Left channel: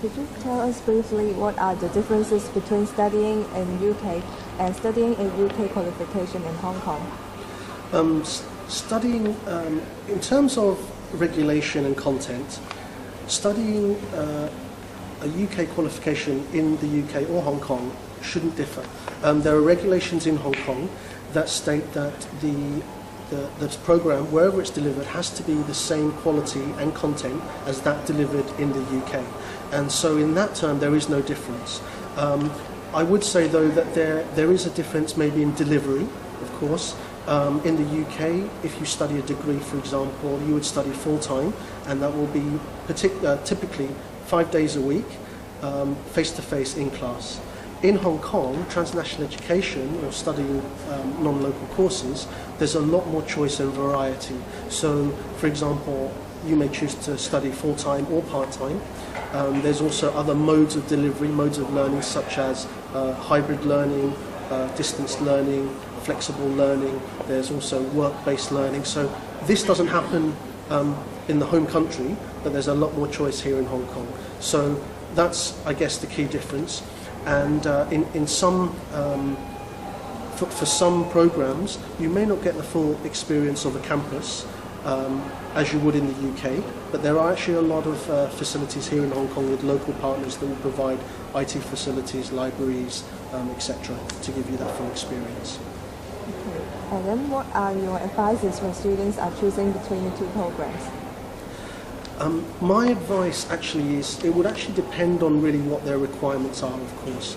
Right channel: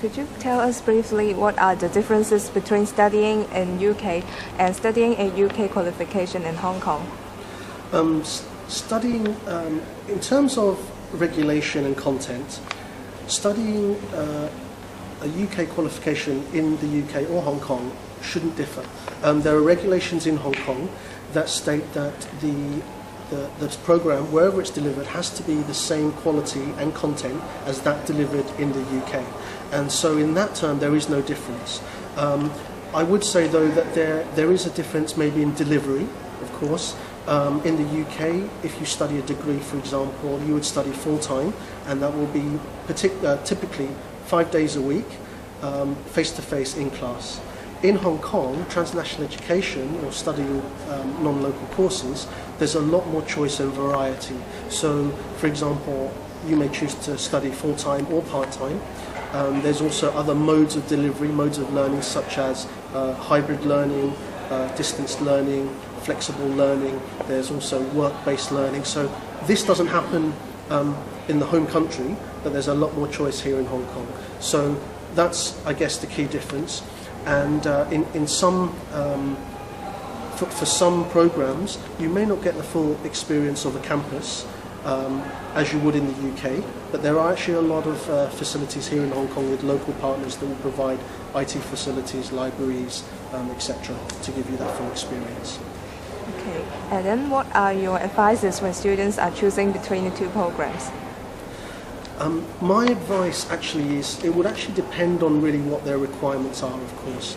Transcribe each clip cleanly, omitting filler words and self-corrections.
Could you tell us briefly what are the differences between studying in UK and studying a UK qualification in Hong Kong? Studying, in terms of regulation and content, studying a UK qualification in the UK or Hong Kong shouldn't differ. There are regulations in Hong Kong that state that the program, wherever it's delivered, has to be the same quality and content as that delivered in the UK. And so in that term, there is no difference. I would say, though, that there is a difference maybe in delivery, of course. In the UK, if you study a degree, for example, you would study full-time, and that will be typically 5 days a week, face-to-face in class. In Hong Kong, transnational education or studying non-local courses, there's a lot more choice and variety. So, for example, you may choose to study full-time or part-time. There's also other modes of delivery, modes of learning, such as hybrid learning, distance learning, flexible learning. There's also work-based learning. So this doesn't happen in the home country, but there's a lot more choice here in Hong Kong. So that's, I guess, the key difference. And in some, for some programs, you may not get the full experience of a campus as you would in the UK, but there are actually a lot of facilities here in Hong Kong with local partners that will provide IT facilities, libraries, etc., to give you that full experience. Okay, and then what are your advices when students are choosing between the two programs? My advice actually is, it would actually depend on really what their requirements are, of course.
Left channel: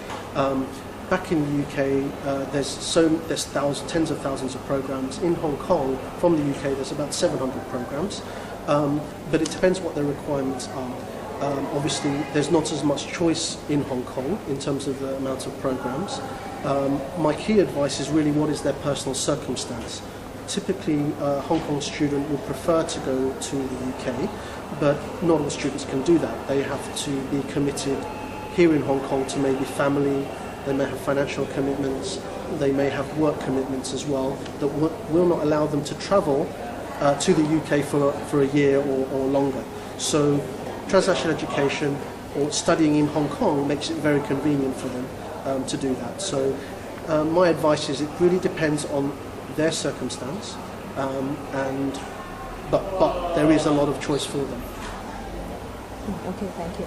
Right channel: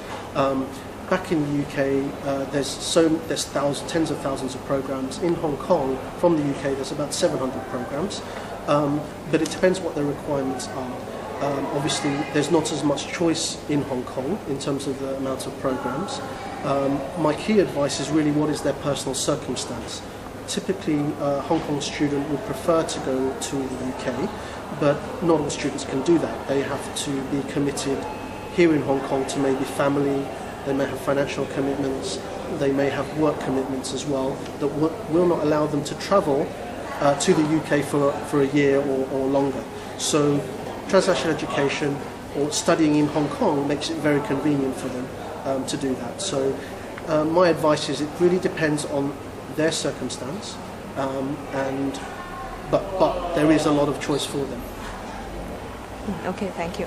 Back in the UK, there's tens of thousands of programs. In Hong Kong, from the UK, there's about 700 programs, but it depends what their requirements are. Obviously, there's not as much choice in Hong Kong in terms of the amount of programs. My key advice is really what is their personal circumstance. Typically, a Hong Kong student would prefer to go to the UK, but not all students can do that. They have to be committed here in Hong Kong to maybe family, they may have financial commitments, they may have work commitments as well that will not allow them to travel to the UK for a year or longer. So transnational education or studying in Hong Kong makes it very convenient for them to do that. So my advice is, it really depends on their circumstance, but there is a lot of choice for them. Okay, thank you.